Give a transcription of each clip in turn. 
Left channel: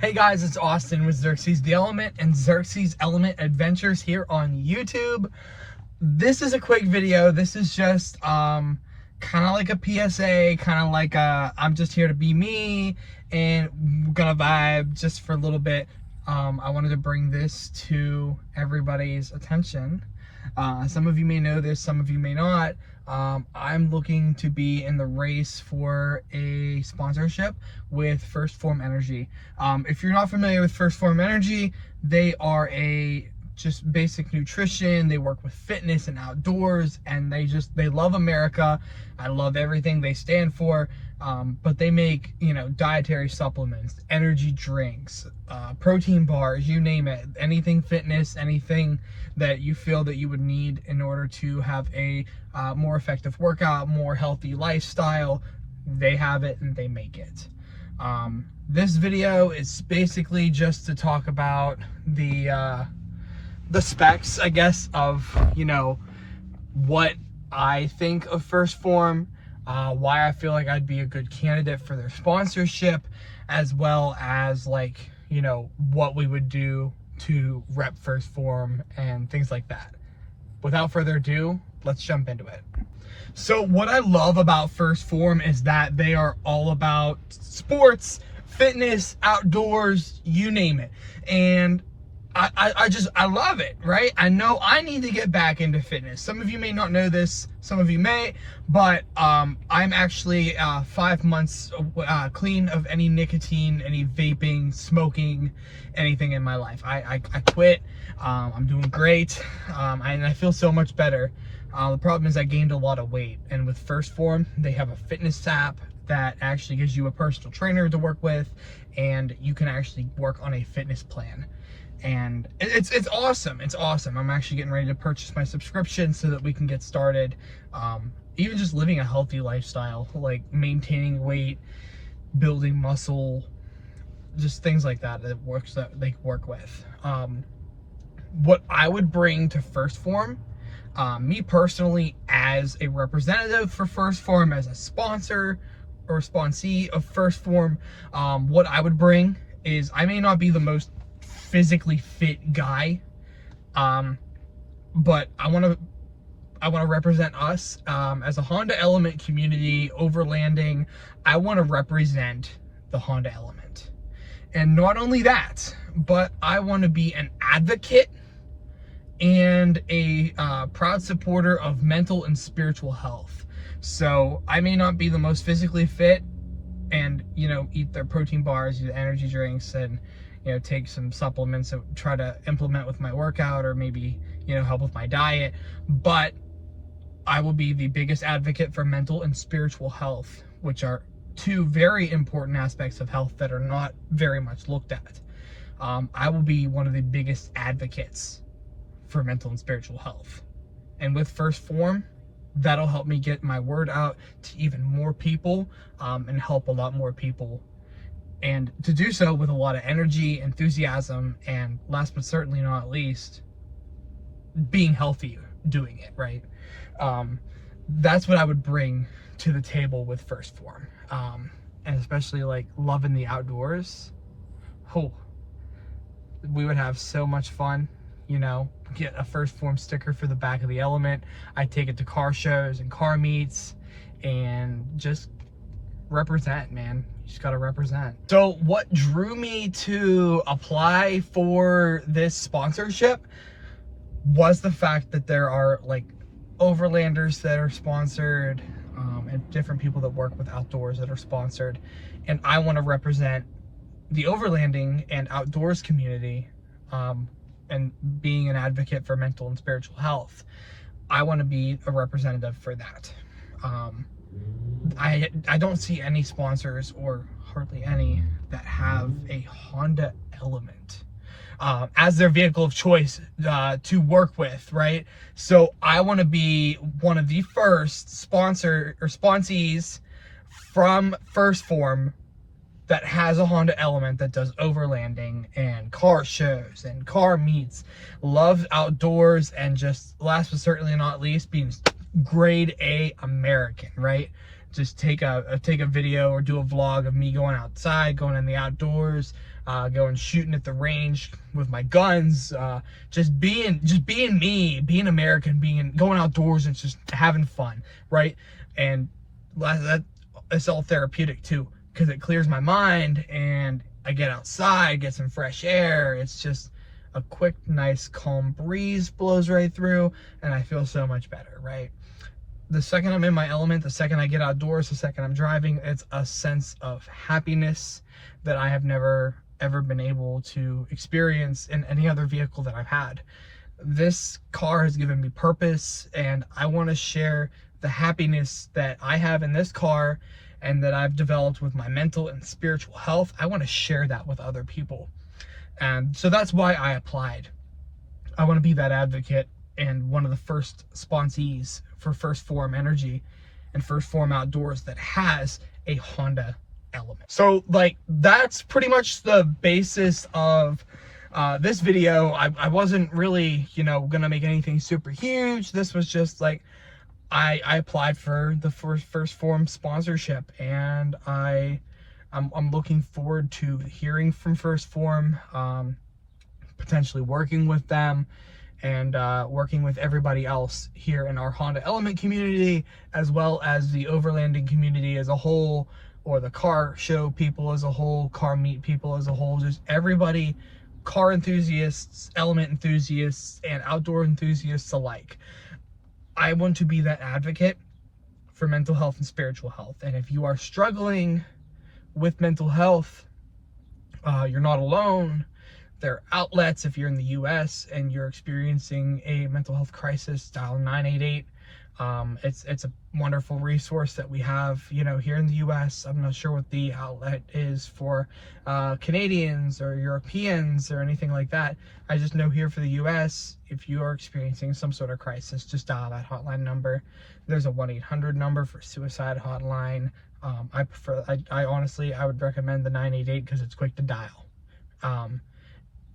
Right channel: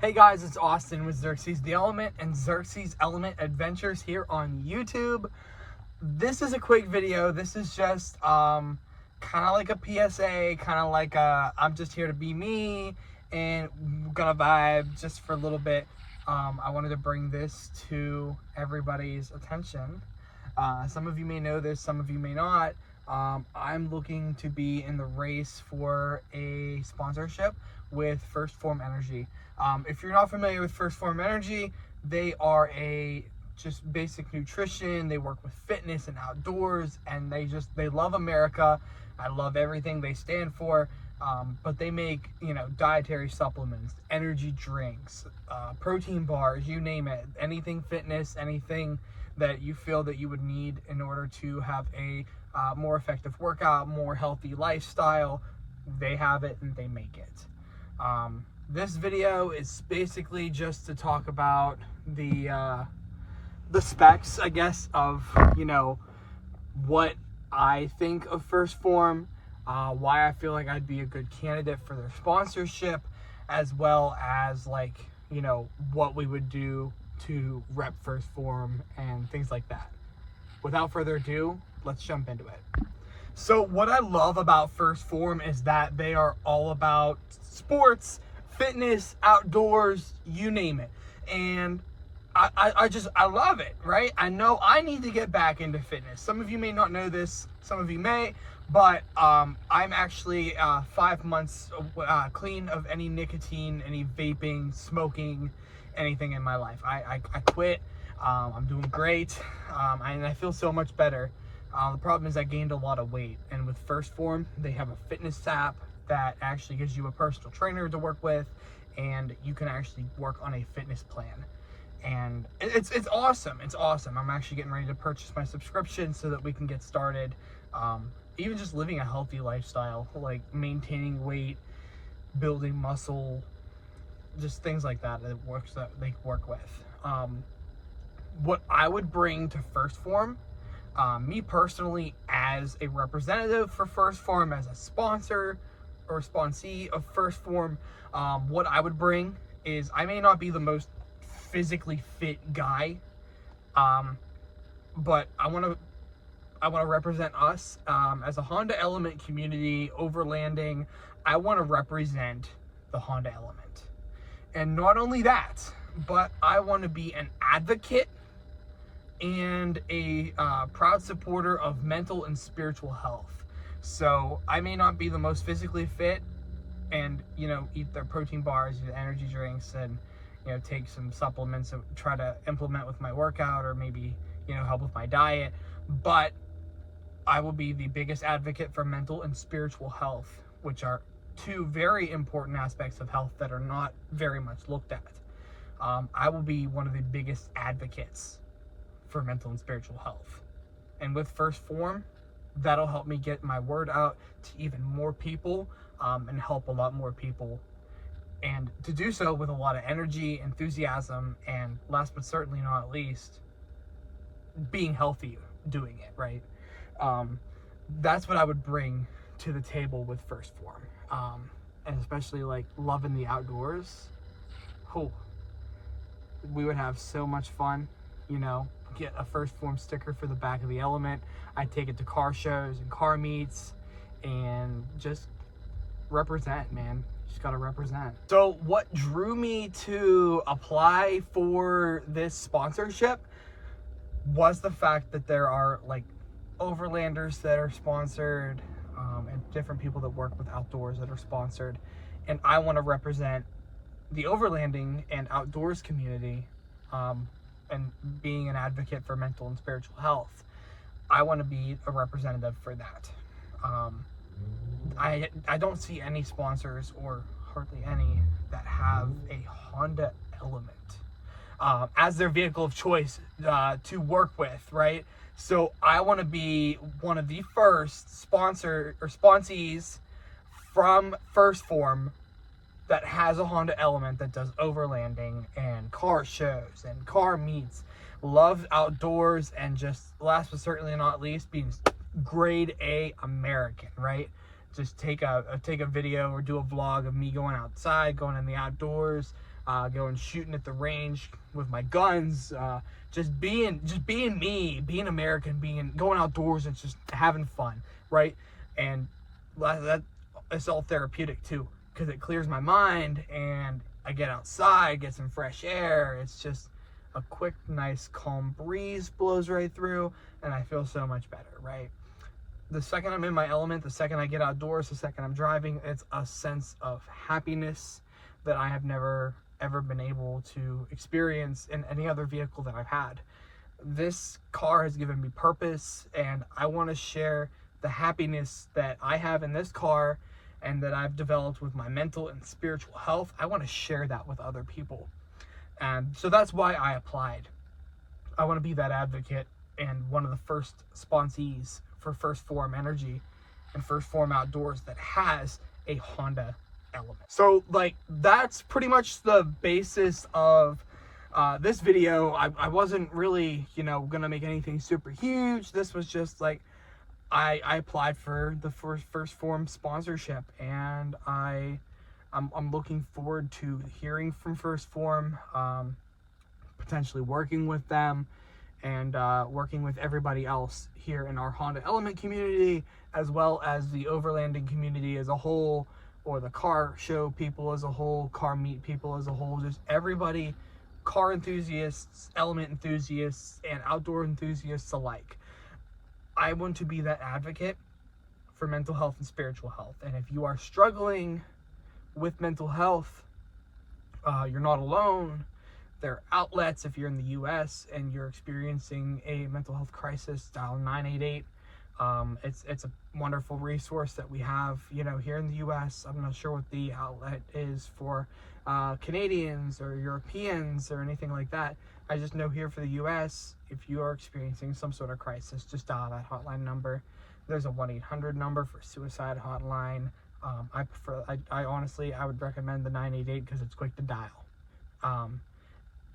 Hey guys, it's Austin with Xerxes the Element and Xerxes Element Adventures here on YouTube. This is a quick video. This is just kind of like a PSA, kind of like I'm just here to be me and we're gonna vibe just for a little bit. I wanted to bring this to everybody's attention. Some of you may know this, some of you may not. I'm looking to be in the race for a sponsorship with First Form Energy. If you're not familiar with First Form Energy, they are just basic nutrition. They work with fitness and outdoors, and they love America. I love everything they stand for. But they make, dietary supplements, energy drinks, protein bars, you name it, anything fitness, anything that you feel that you would need in order to have a more effective workout, more healthy lifestyle. They have it and they make it. This video is basically just to talk about the specs, I guess, of, what I think of First Form, why I feel like I'd be a good candidate for their sponsorship, as well as what we would do to rep First Form and things like that. Without further ado, let's jump into it. So what I love about First Form is that they are all about sports, fitness, outdoors, you name it. And I love it, right? I know I need to get back into fitness. Some of you may not know this, some of you may, but I'm actually 5 months clean of any nicotine, any vaping, smoking, anything in my life. I quit. I'm doing great, and I feel so much better. The problem is I gained a lot of weight, and with First Form, they have a fitness app that actually gives you a personal trainer to work with, and you can actually work on a fitness plan. And it's awesome. It's awesome. I'm actually getting ready to purchase my subscription so that we can get started. Even just living a healthy lifestyle, like maintaining weight, building muscle, just things like that that they work with. What I would bring to First Form, me personally as a representative for First Form, as a sponsor or sponsee of First Form, what I would bring is, I may not be the most physically fit guy, but I want to represent us as a Honda Element community, overlanding. I want to represent the Honda Element, and not only that, but I want to be an advocate and a proud supporter of mental and spiritual health. So I may not be the most physically fit, and eat their protein bars, eat energy drinks, and take some supplements and try to implement with my workout, or maybe help with my diet, but I will be the biggest advocate for mental and spiritual health, which are two very important aspects of health that are not very much looked at. I will be one of the biggest advocates for mental and spiritual health, and with First Form, that'll help me get my word out to even more people, and help a lot more people, and to do so with a lot of energy, enthusiasm, and last but certainly not least, being healthy doing it, right? That's what I would bring to the table with First Form, and especially loving the outdoors. Cool. We would have so much fun, get a First Form sticker for the back of the Element. I take it to car shows and car meets and just represent, man. You just gotta represent. So what drew me to apply for this sponsorship was the fact that there are overlanders that are sponsored, and different people that work with outdoors that are sponsored, and I want to represent the overlanding and outdoors community, and being an advocate for mental and spiritual health. I want to be a representative for that. I don't see any sponsors, or hardly any, that have a Honda Element as their vehicle of choice to work with, right? So I want to be one of the first sponsor or sponsees from First Form that has a Honda Element that does overlanding and car shows and car meets, loves outdoors, and just last but certainly not least, being grade A American, right? Just take a video or do a vlog of me going outside, going in the outdoors, going shooting at the range with my guns, just being me, being American, going outdoors and just having fun, right? And it's all therapeutic too, because it clears my mind and I get outside, get some fresh air. It's just a quick, nice, calm breeze blows right through, and I feel so much better, right? The second I'm in my element, the second I get outdoors, the second I'm driving, it's a sense of happiness that I have never ever been able to experience in any other vehicle that I've had. This car has given me purpose, and I want to share the happiness that I have in this car and that I've developed with my mental and spiritual health. I want to share that with other people. And so that's why I applied. I want to be that advocate and one of the first sponsees for First Form Energy and First Form Outdoors that has a Honda element. So like, that's pretty much the basis of this video. I wasn't really, gonna make anything super huge. This was just like, I applied for the First Form sponsorship, and I'm looking forward to hearing from First Form, potentially working with them, and working with everybody else here in our Honda Element community, as well as the overlanding community as a whole, or the car show people as a whole, car meet people as a whole, just everybody, car enthusiasts, element enthusiasts, and outdoor enthusiasts alike. I want to be that advocate for mental health and spiritual health. And if you are struggling with mental health, you're not alone. There are outlets. If you're in the US and you're experiencing a mental health crisis, dial 988. It's a wonderful resource that we have, here in the US. I'm not sure what the outlet is for Canadians or Europeans or anything like that. I just know here for the US, if you are experiencing some sort of crisis, just dial that hotline number. There's a 1-800 number for suicide hotline. I honestly, I would recommend the 988 because it's quick to dial.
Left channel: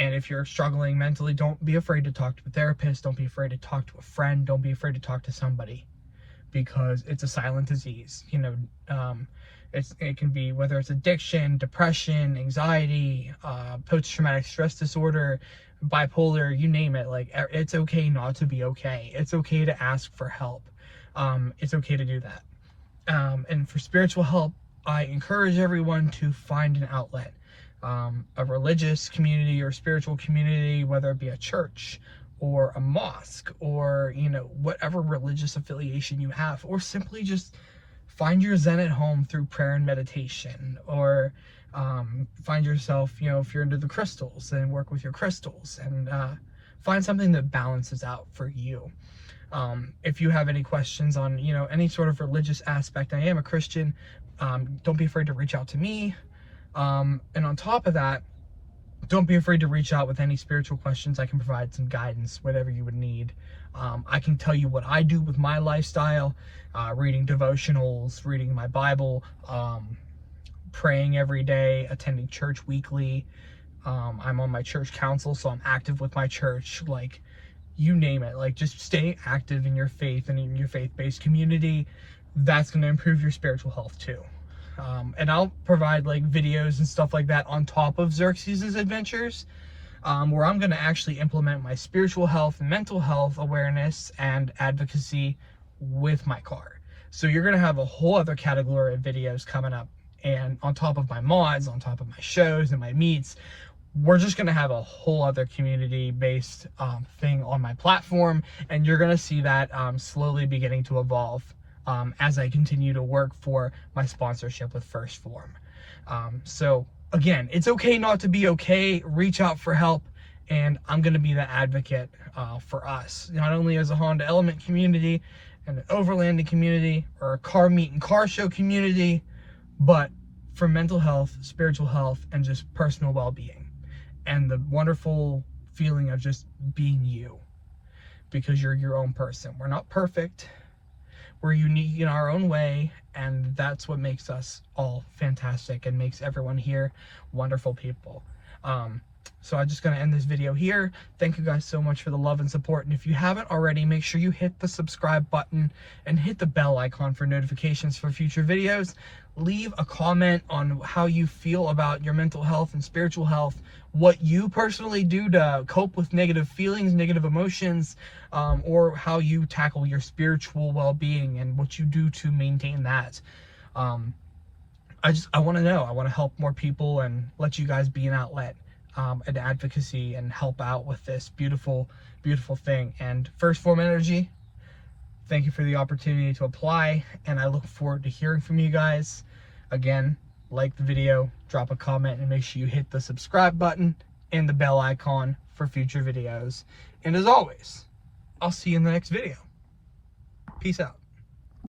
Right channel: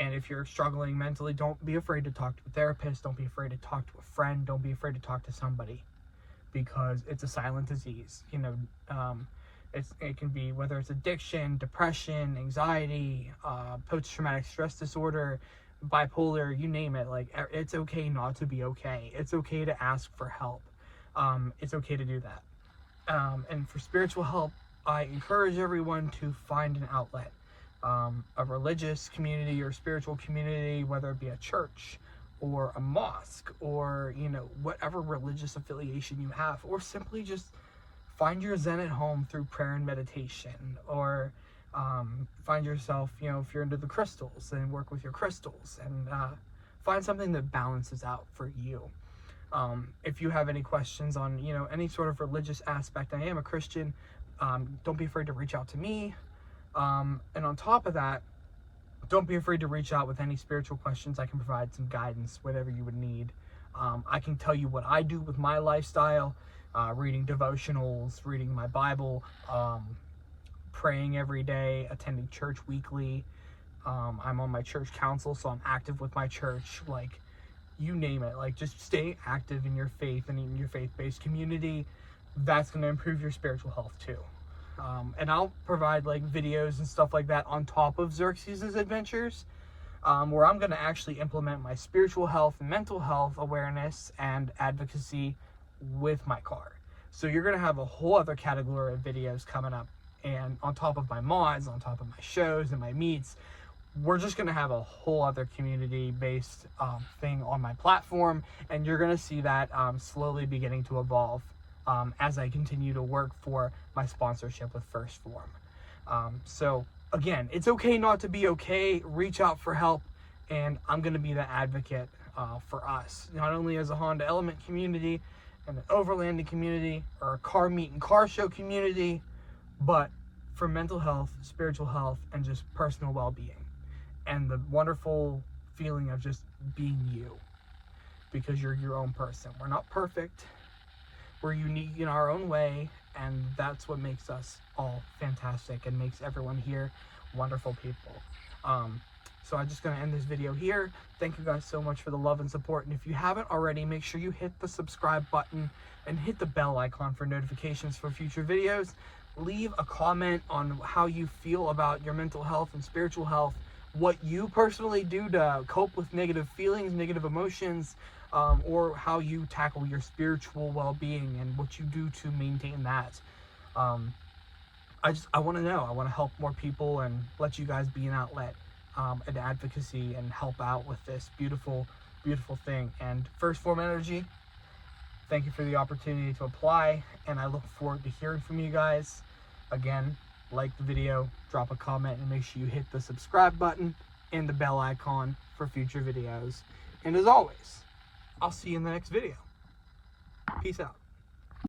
And if you're struggling mentally, don't be afraid to talk to a therapist. Don't be afraid to talk to a friend. Don't be afraid to talk to somebody, because it's a silent disease. It can be, whether it's addiction, depression, anxiety, post-traumatic stress disorder, bipolar, you name it. Like, it's okay not to be okay. It's okay to ask for help. It's okay to do that. And for spiritual help, I encourage everyone to find an outlet. A religious community or spiritual community, whether it be a church or a mosque or, whatever religious affiliation you have, or simply just find your zen at home through prayer and meditation, or find yourself, if you're into the crystals, then work with your crystals, and find something that balances out for you. If you have any questions on, any sort of religious aspect, I am a Christian, don't be afraid to reach out to me. And on top of that, don't be afraid to reach out with any spiritual questions. I can provide some guidance, whatever you would need. I can tell you what I do with my lifestyle, reading devotionals, reading my Bible, praying every day, attending church weekly. I'm on my church council, so I'm active with my church. Like, you name it. Like, just stay active in your faith and in your faith-based community. That's going to improve your spiritual health too. And I'll provide like videos and stuff like that on top of Xerxes' adventures, where I'm going to actually implement my spiritual health and mental health awareness and advocacy with my car. So you're going to have a whole other category of videos coming up. And on top of my mods, on top of my shows and my meets, we're just going to have a whole other community-based thing on my platform. And you're going to see that slowly beginning to evolve as I continue to work for my sponsorship with First Form. So again, it's okay not to be okay. Reach out for help, and I'm going to be the advocate for us, not only as a Honda Element community and an overlanding community or a car meet and car show community, but for mental health, spiritual health, and just personal well-being, and the wonderful feeling of just being you, because you're your own person. We're not perfect. We're unique in our own way, and that's what makes us all fantastic and makes everyone here wonderful people. So I'm just going to end this video here. Thank you guys so much for the love and support, and if you haven't already, make sure you hit the subscribe button and hit the bell icon for notifications for future videos. leave a comment on how you feel about your mental health and spiritual health, what you personally do to cope with negative feelings, negative emotions, or how you tackle your spiritual well-being and what you do to maintain that. I want to know. I want to help more people and let you guys be an outlet, an advocacy, and help out with this beautiful, beautiful thing. And First Form Energy, thank you for the opportunity to apply, and I look forward to hearing from you guys. Again, like the video, drop a comment, and make sure you hit the subscribe button and the bell icon for future videos. And as always, I'll see you in the next video. Peace out.